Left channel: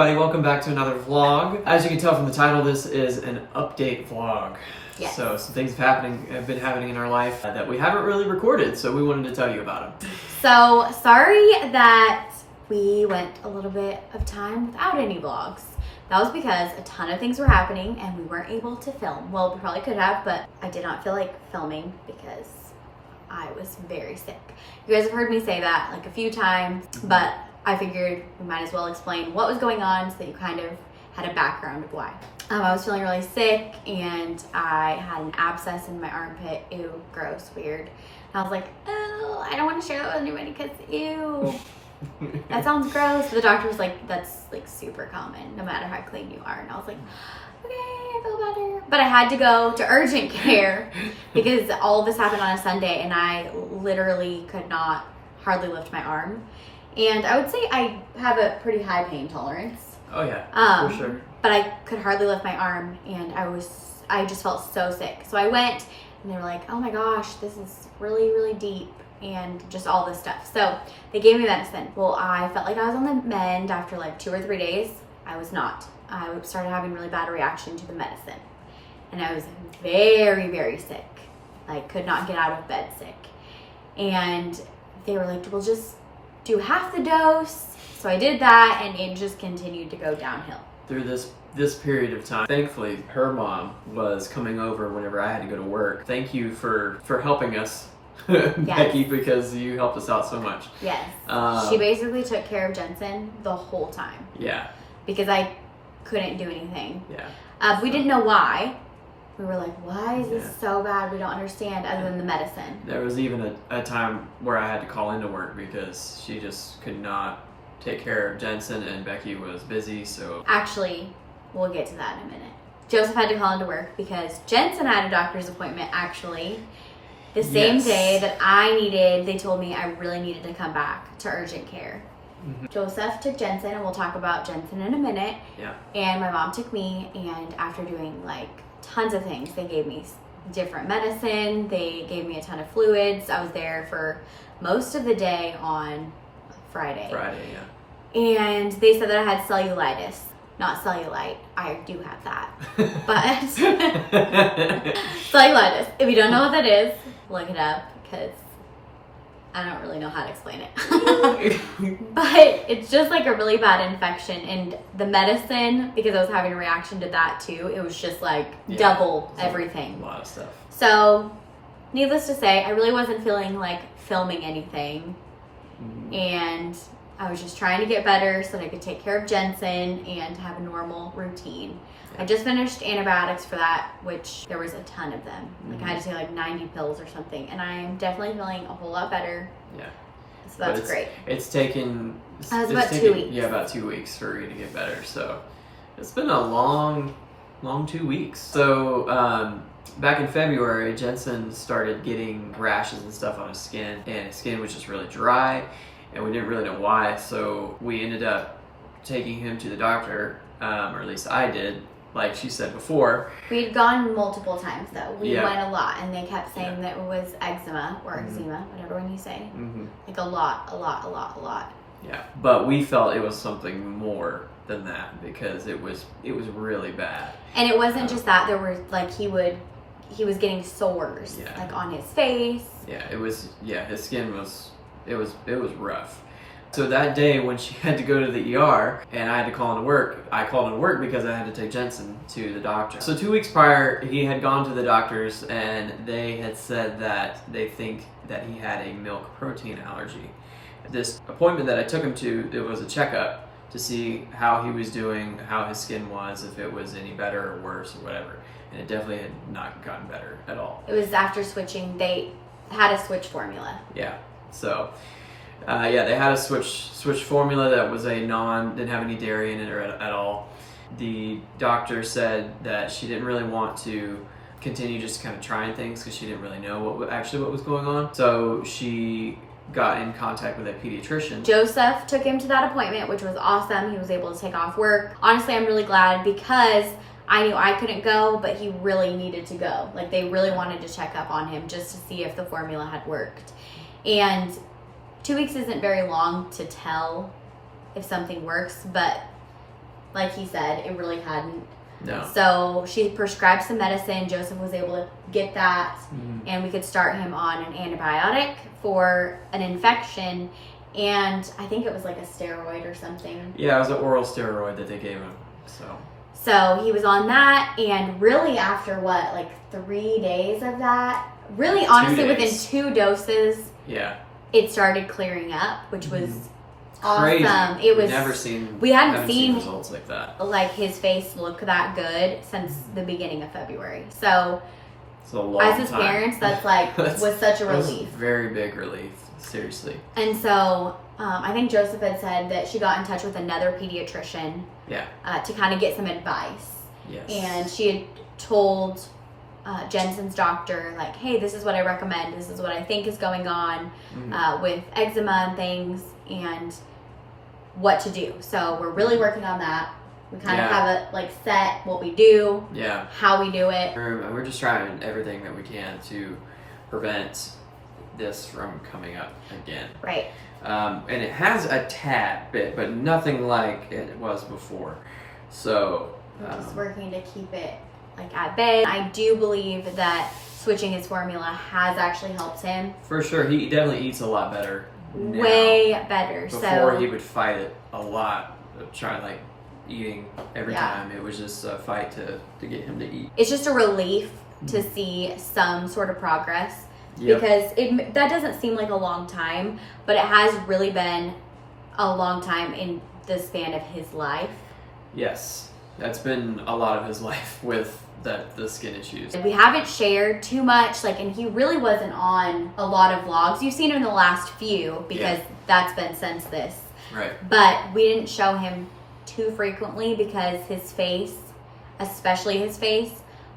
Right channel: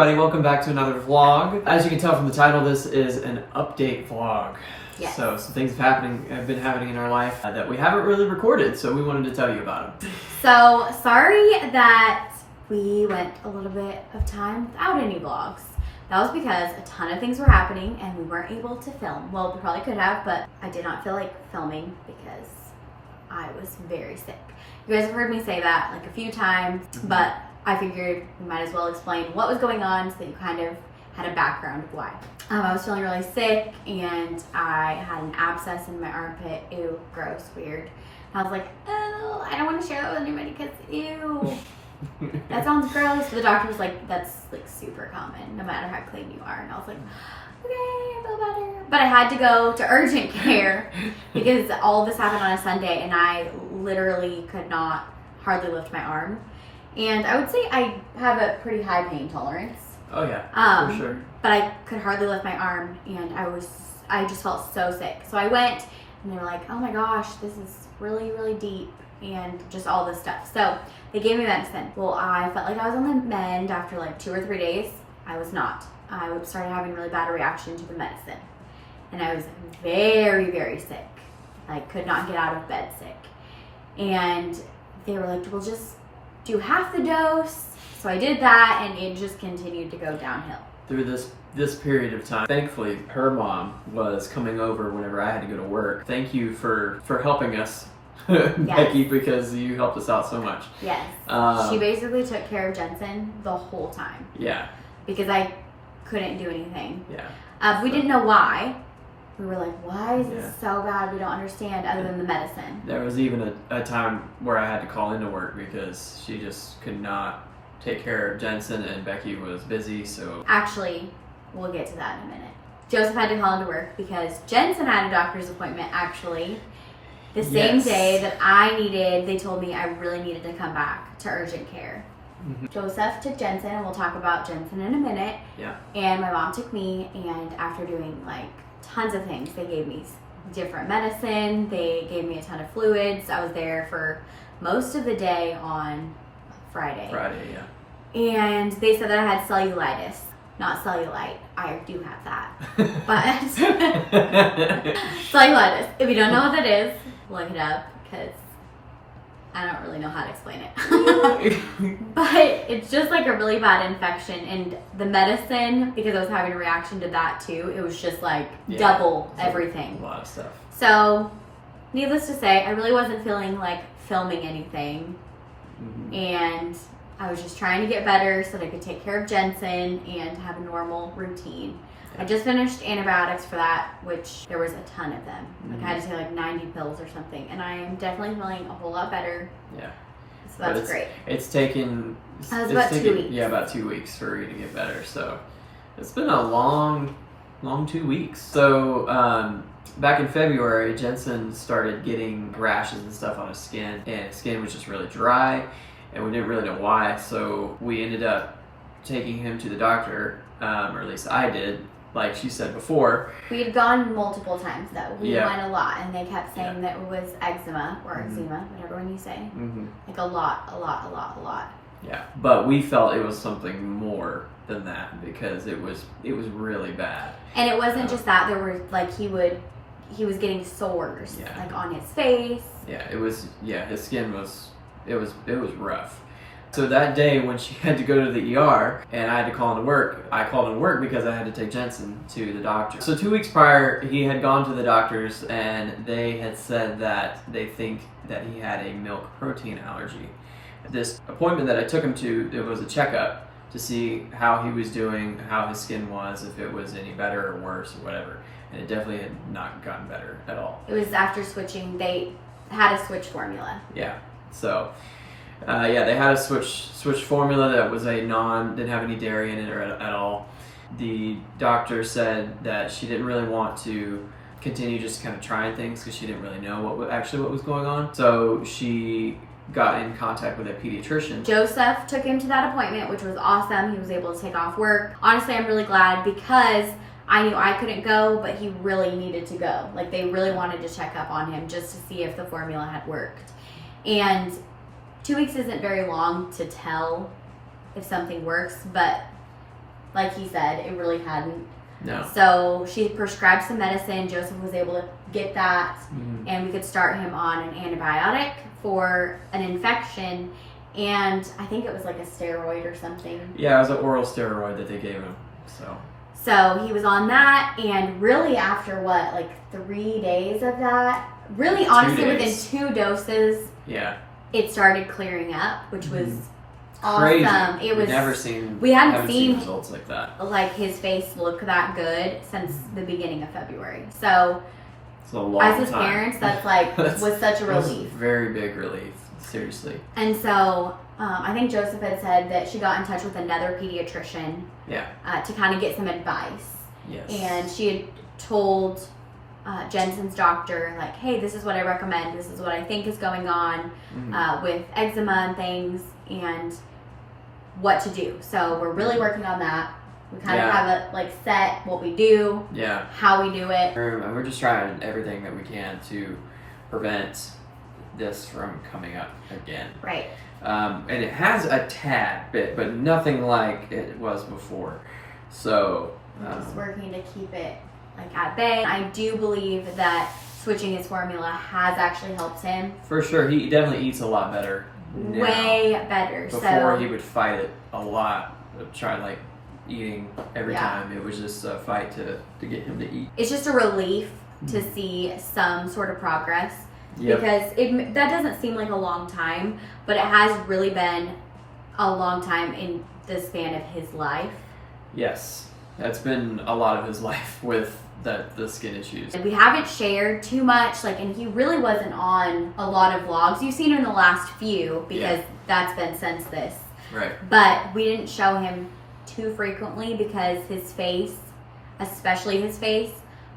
everybody, welcome back to another vlog. As you can tell from the title, this is an update vlog. Yes. So some things have been happening in our life that we haven't really recorded, so we wanted to tell you about them. So sorry that we went a little bit of time without any vlogs. That was because a ton of things were happening and we weren't able to film. Well, we probably could have, but I did not feel like filming because I was very sick. You guys have heard me say that like a few times, but I figured we might as well explain what was going on so that you kind of had a background of why. I was feeling really sick and I had an abscess in my armpit. Ew, gross, weird. And I was like, oh, I don't want to share that with anybody because ew. That sounds gross. But the doctor was like, that's like super common no matter how clean you are. And I was like, okay, I feel better. But I had to go to urgent care because all of this happened on a Sunday and I literally could not hardly lift my arm. And I would say I have a pretty high pain tolerance. Oh yeah, for sure. But I could hardly lift my arm and I just felt so sick. So I went and they were like, oh my gosh, this is really, really deep and just all this stuff. So they gave me medicine. Well, I felt like I was on the mend after like 2 or 3 days. I was not. I started having a really bad reaction to the medicine. And I was very, very sick. I could not get out of bed sick. And they were like, well, just do half the dose. So I did that and it just continued to go downhill. Through this period of time, thankfully, her mom was coming over whenever I had to go to work. Thank you for helping us, Becky, because you helped us out so much. Yes. She basically took care of Jensen the whole time. Yeah. Because I couldn't do anything. Yeah. We didn't know why. We were like, why is this so bad? We don't understand other than the medicine. There was even a time where I had to call into work because she just could not take care of Jensen and Becky was busy, so... Actually, we'll get to that in a minute. Joseph had to call into work because Jensen had a doctor's appointment actually the same day that they told me I really needed to come back to urgent care. Mm-hmm. Joseph took Jensen, and we'll talk about Jensen in a minute. Yeah. And my mom took me, and after doing like tons of things, they gave me different medicine, they gave me a ton of fluids. I was there for most of the day on Friday, yeah. And they said that I had cellulitis, not cellulite. I do have that, but cellulitis. If you don't know what that is, look it up because I don't really know how to explain it. But it's just like a really bad infection, and the medicine, because I was having a reaction to that too, it was just like double everything. A lot of stuff. So, needless to say, I really wasn't feeling like filming anything. Mm-hmm. And I was just trying to get better so that I could take care of Jensen and have a normal routine. I just finished antibiotics for that, which there was a ton of them. Like I had to take like 90 pills or something, and I am definitely feeling a whole lot better. Yeah. So that's great. It's taken... about 2 weeks. Yeah, about 2 weeks for you to get better. So it's been a long 2 weeks. So back in February, Jensen started getting rashes and stuff on his skin, and his skin was just really dry, and we didn't really know why. So we ended up taking him to the doctor, or at least I did. Like she said before. We'd gone multiple times though. We went a lot, and they kept saying that it was eczema or eczema, whatever one you say. Like a lot. Yeah, but we felt it was something more than that because it was really bad. And it wasn't just that. There were like he was getting sores like on his face. Yeah, it was. Yeah, his skin was. It was rough. So that day when she had to go to the ER and I had to call into work, I called into work because I had to take Jensen to the doctor. So 2 weeks prior, he had gone to the doctors and they had said that they think that he had a milk protein allergy. This appointment that I took him to, it was a checkup to see how he was doing, how his skin was, if it was any better or worse or whatever. And it definitely had not gotten better at all. It was after switching, they had to switch formula. Yeah, so... they had a switch formula that was didn't have any dairy in it or at all. The doctor said that she didn't really want to continue just kind of trying things because she didn't really know what was going on. So she got in contact with a pediatrician. Joseph took him to that appointment, which was awesome. He was able to take off work. Honestly, I'm really glad because I knew I couldn't go, but he really needed to go. Like they really wanted to check up on him just to see if the formula had worked. And 2 weeks isn't very long to tell if something works, but like he said, it really hadn't. No. So she prescribed some medicine. Joseph was able to get that, and we could start him on an antibiotic for an infection, and I think it was like a steroid or something. Yeah, it was an oral steroid that they gave him. So he was on that, and really after what, like 3 days of that, really honestly within 2 doses, yeah, it started clearing up, which was crazy. Awesome. It was We haven't seen seen results like that. Like his face look that good since the beginning of February. So it's a long as his time. parents, that's like was such a relief. Very big relief, seriously. And so I think Joseph had said that she got in touch with another pediatrician. Yeah. To kind of get some advice. Yes. And she had told Jensen's doctor, like, hey, this is what I recommend. This is what I think is going on with eczema and things, and what to do. So we're really working on that. We kind of have it like set what we do, how we do it. We're just trying everything that we can to prevent this from coming up again. Right. And it has a tad bit, but nothing like it was before. So just working to keep it like at bay. I do believe that switching his formula has actually helped him. For sure, he definitely eats a lot better. Now. Way better. Before he would fight it a lot, try like eating every time. It was just a fight to get him to eat. It's just a relief to see some sort of progress. Yep. Because that doesn't seem like a long time, but it has really been a long time in the span of his life. Yes, that's been a lot of his life with the skin issues. We haven't shared too much, and he really wasn't on a lot of vlogs. You've seen him in the last few because that's been since this. Right. But we didn't show him too frequently because his face, especially his face,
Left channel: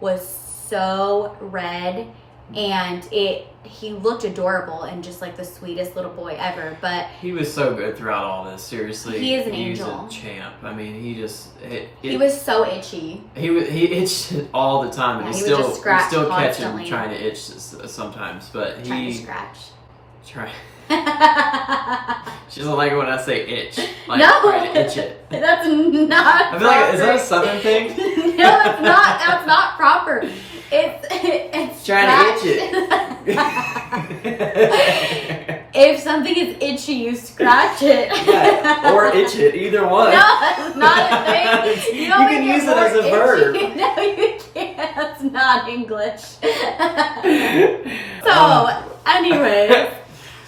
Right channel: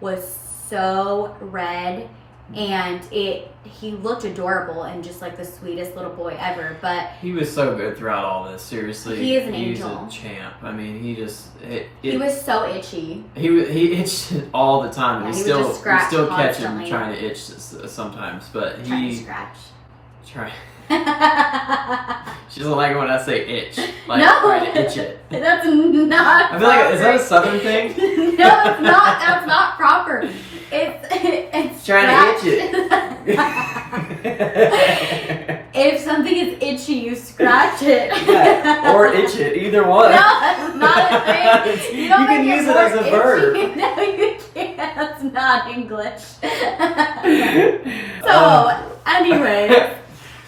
was so red. And he looked adorable and just like the sweetest little boy ever. But he was so good throughout all this. Seriously, he is an angel. He's a champ. I mean, he just he was so itchy. He itched all the time, and we still catch him constantly. Trying to itch sometimes. But trying to scratch. She doesn't like it when I say itch. Like no, trying to itch it. That's not. I feel like, is that a Southern thing? No, it's not. That's not proper. It's trying to itch it. If something is itchy, you scratch it. Yeah, or itch it. Either one. No, that's not a thing. You can use it as a verb. No, you can't. That's not English. So, anyway,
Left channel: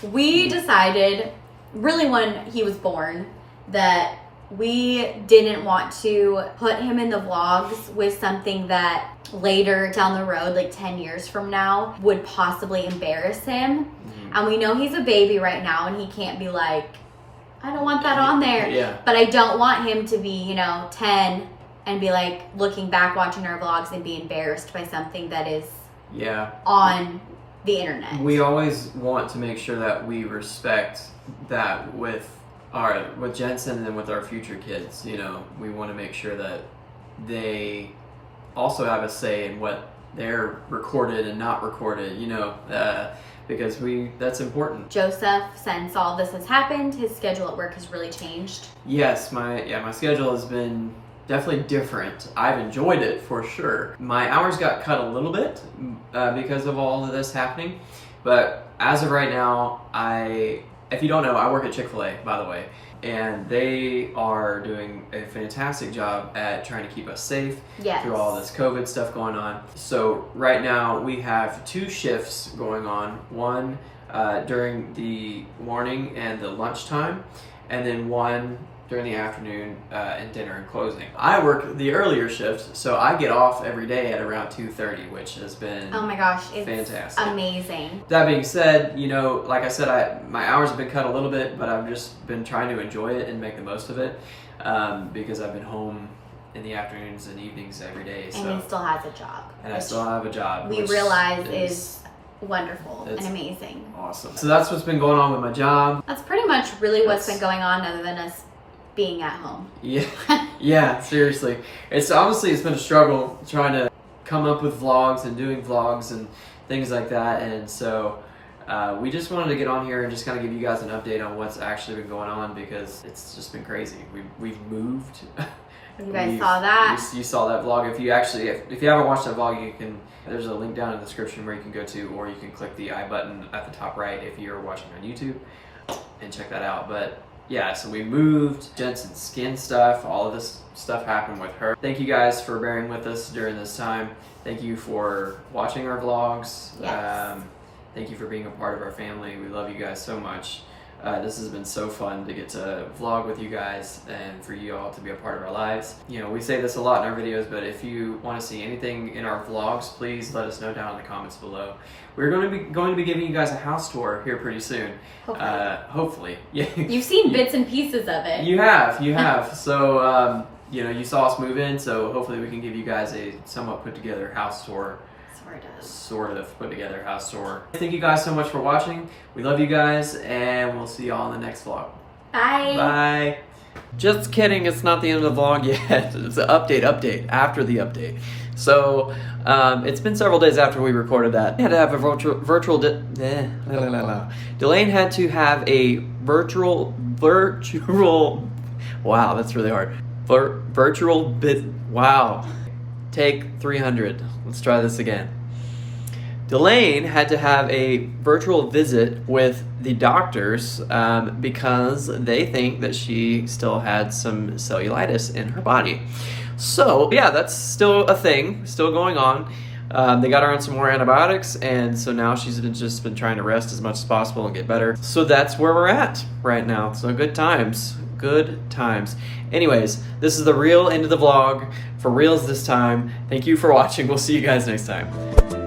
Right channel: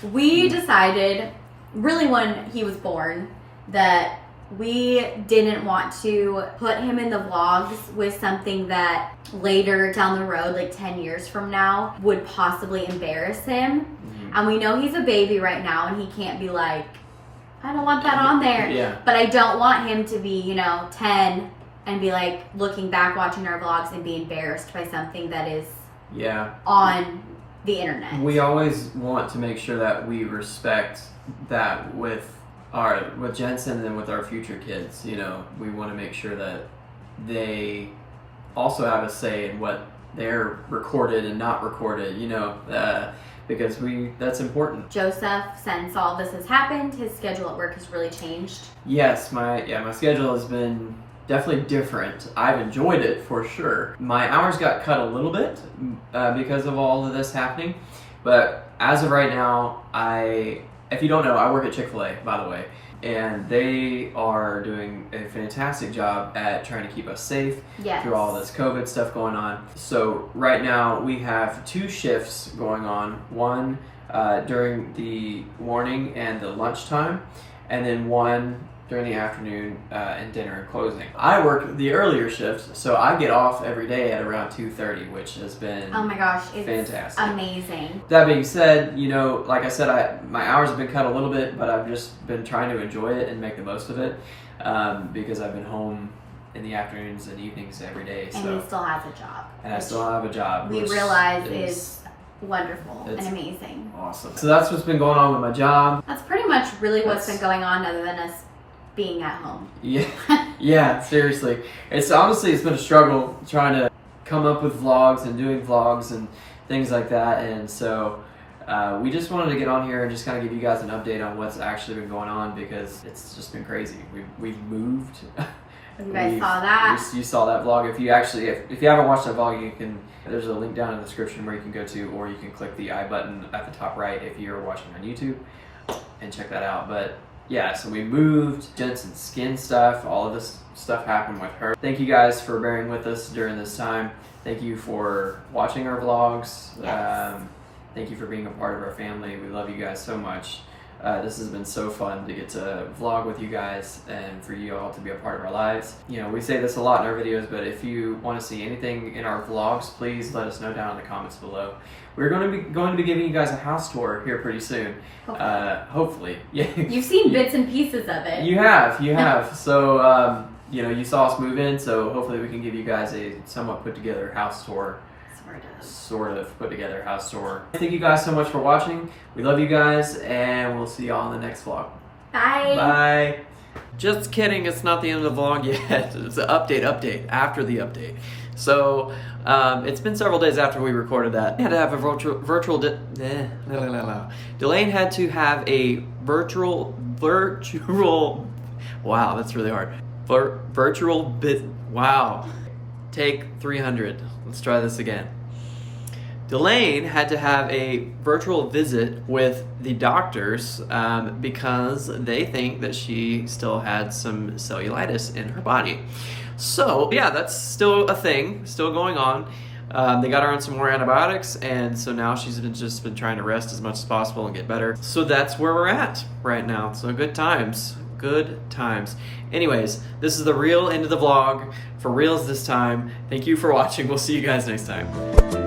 we decided, really when he was born, that we didn't want to put him in the vlogs with something that later down the road, like 10 years from now, would possibly embarrass him. And we know he's a baby right now and he can't be like, I don't want that on there. Yeah. But I don't want him to be, 10 and be like looking back watching our vlogs and be embarrassed by something that is on the internet. We always want to make sure that we respect that with Jensen and with our future kids. We want to make sure that they also have a say in what they're recorded and not recorded, because that's important. Joseph, since all this has happened, his schedule at work has really changed. Yes, my schedule has been definitely different. I've enjoyed it for sure. My hours got cut a little bit because of all of this happening, but as of right now, if you don't know, I work at Chick-fil-A, by the way, and they are doing a fantastic job at trying to keep us safe through all this COVID stuff going on. So right now we have 2 shifts going on, one during the morning and the lunchtime, and then one during the afternoon and dinner and closing. I work the earlier shift, so I get off every day at around 2:30, which has been oh my gosh, it's fantastic. Amazing. That being said, like I said, my hours have been cut a little bit, but I've just been trying to enjoy it and make the most of it because I've been home in the afternoons and evenings every day. And he still has a job. And I still have a job. We realize is wonderful and amazing. Awesome. So that's what's been going on with my job. That's pretty much really what's been going on other than us being at home. Yeah, seriously. It's been a struggle trying to come up with vlogs and doing vlogs and things like that. And so we just wanted to get on here and just kind of give you guys an update on what's actually been going on because it's just been crazy. We've moved You guys saw that. You saw that vlog. If you actually, if you haven't watched that vlog, you can. There's a link down in the description where you can go to, or you can click the I button at the top right if you're watching on YouTube, and check that out. But yeah, so we moved Jensen's skin stuff. All of this stuff happened with her. Thank you guys for bearing with us during this time. Thank you for watching our vlogs. Yes. Thank you for being a part of our family. We love you guys so much. This has been so fun to get to vlog with you guys and for you all to be a part of our lives. You know, we say this a lot in our videos, but if you want to see anything in our vlogs, please let us know down in the comments below. We're going to be giving you guys a house tour here pretty soon. Hopefully. Yeah. You've seen bits and pieces of it. You have. So, you know, you saw us move in, so hopefully we can give you guys a somewhat put together house tour. Sort of put together house tour. Thank you guys so much for watching. We love you guys, and we'll see y'all in the next vlog. Bye. Bye. Just kidding, it's not the end of the vlog yet. It's an update after the update. So it's been several days after we recorded that. We had to have a Jolaine had to have a virtual wow, that's really hard. Wow. Take 300. Let's try this again. Jolaine had to have a virtual visit with the doctors because they think that she still had some cellulitis in her body. So yeah, that's still a thing, still going on. They got her on some more antibiotics, and so now she's just been trying to rest as much as possible and get better. So that's where we're at right now. So good times. Good times. Anyways, this is the real end of the vlog. For reals this time. Thank you for watching. We'll see you guys next time.